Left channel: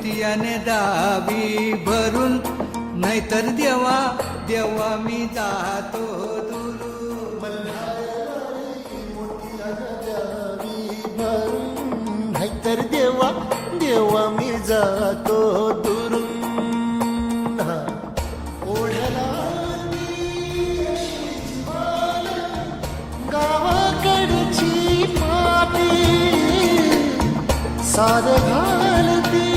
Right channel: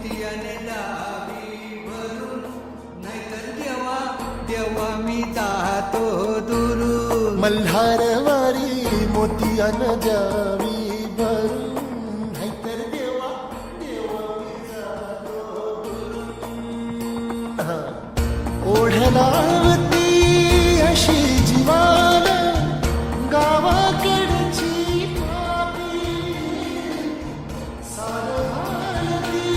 मोतियाने दावी भरून, नाहीतर देवा देवा मी जातो दुरून. मल्हारवारी मोतियानं द्यावी भरून, नाहीतर देवा देवा मी जातो दुरून. ओढलावती अशी जीवान गावाकडची पापी, साद घालती